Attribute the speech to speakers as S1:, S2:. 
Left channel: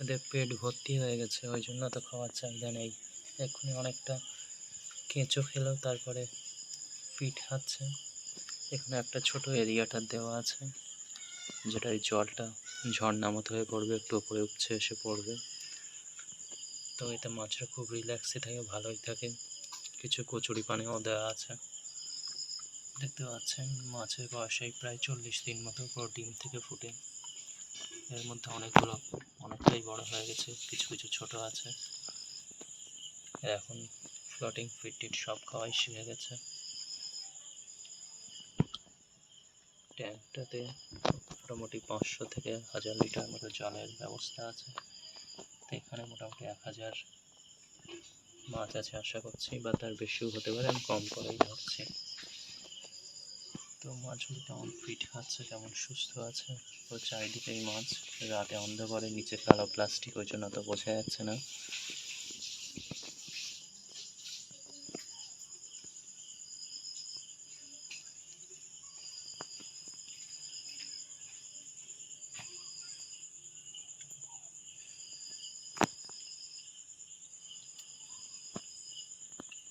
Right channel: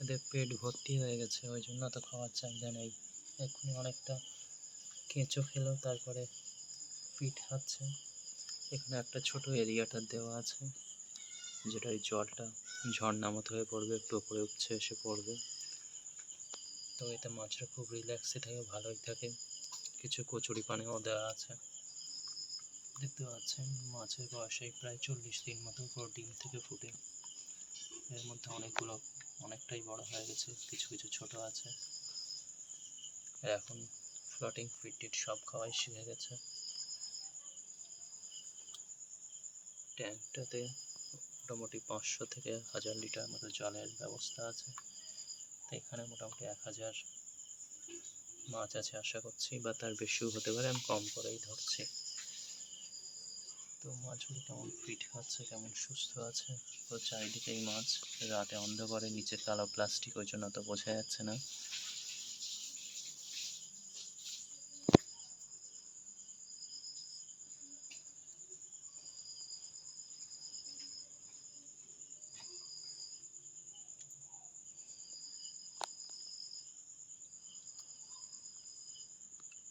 S1: এদের পেট ভর্তি হয়ে গেছে, ওই জন্য তো খাওয়ার চাহিদা নেই। এক্ষুনি অনেকটা কেঁচো খেলেও তারপরে পিট খাচ্ছে। এখানে একটা ছোট এরিয়াটা দেওয়া আছে, যেটা এই জলটা ঝর্ণা মতো হয়ে পড়বে, একটু উপরে উপচে এসে পড়বে। তো এতে মাছরা খুব রিল্যাক্সে থাকে, ভালোই থাকে। কিছু কচুরি পানিও দেওয়া আছে। দেখতে পাচ্ছেন, মাছের বয়স প্রায় চল্লিশ দিন মতো পুরো ডিম থেকে ফুটে। এর মধ্যে অনেকগুলো, অনেকটাই বড় হয়ে গেছে, কিছু কিছু ছোট আছে। এখন ফ্লোটিং ফিট টিট সব খাওয়াই শিখে গেছে। ট্যাঙ্কটাতে মোটামুটি পাঁচশো থেকে হাজার লিটার মতো জলের ব্যবস্থা আছে। তো এখানে মোটামুটি এক হাজার মাছ আছে আশা করছি, বা তার বেশিও হতে পারে, আমি কম করেই ধরছি। তো মাছগুলো কেমন ফিট খাচ্ছে, কেমন সুস্থ আছে? তো চারিদিকেই মাছ রাতে অন্ধকারে, নিচে কালো প্লাস্টিক ওই জন্য তো বোঝা যাচ্ছে না।